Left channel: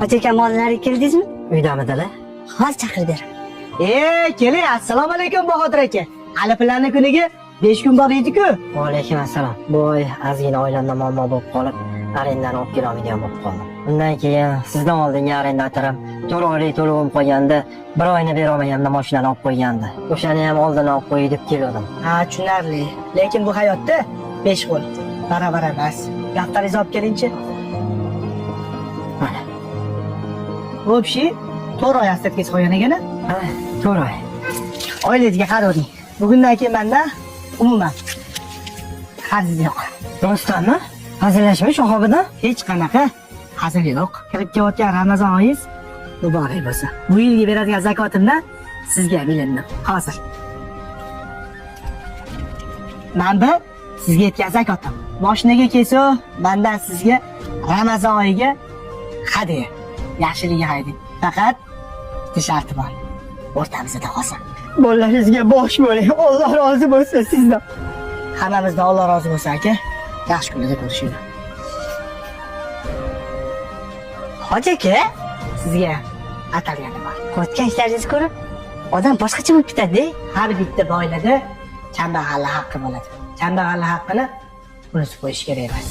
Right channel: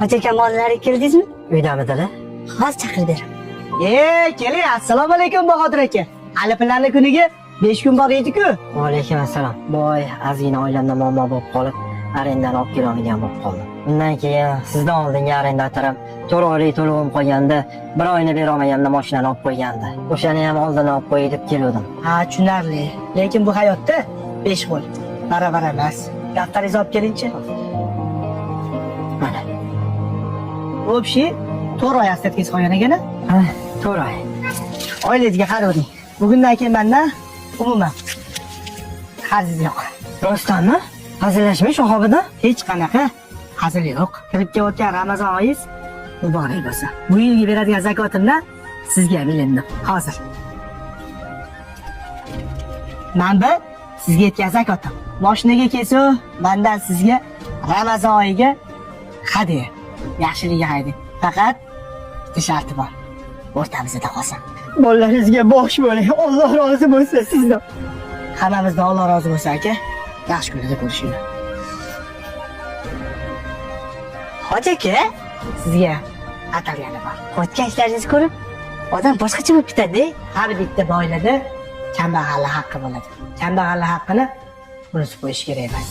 Hoca aka mollari keldingizmi? Uydamidilar? Hozir chaqirib beraman. Keling, assalomu alaykum Bahodir aka. Hali planni kuniga 5 kun bor edi-ku. Va alaykum assalom. Boy, ozgina oilamda muammo bo'lib qolib, arendani olib kela olmagan bo'lib qoldim. Undan keyin sizdan oldingi arendatorim 4 oylik to'lovim qo'yganda, 1 oyni bera olmaganimda mashinani olib qo'ygandi. O'shani ham oldin olib qo'y deb keldim. Ha, tushunarli. Lekin bu hayotda 5 qo'l baravar emas. Daftaringizni olib kelingchi. Mana. Bo'pshi, 4 oy astetkiz qo'ygan ekan. Ha, 4 oy. Oilangizga qaroving. Bugundan keyin mendan umuman qarzingiz yo'q. Rostdanmi? Hazillashma shahobidan? Hech qanaqa hazil yo'q. Kirib kelayotgan Ramazon oyingiz muborak bo'lsin. Bu yilgi beradigan zakotimdan sizga milindim. Hozir. Manda sizga yetgan zakotim. Moshinaga kelsa, mendan sizga Ramazon oyiga hadya. Yaxshilik haydi. Faqat bitta sharti bor. O'rtamizda qolsin. Bolalaringizga bosh bo'ling. Alloh rozi bo'lsin sizdan. Hammamizdan Alloh rozi bo'lsin aka. Yaxshi kunlarda ko'rishinglar. Hoja aka, Sizga atalgani bor. o'tgan ishlaringizni ko'rib, odam boshqacha bo'lib ketadi-da. Har bitta boylada kambag'allik haqqi bo'ladi. Kambag'allik haqqini o'zi qo'yish kerak emas.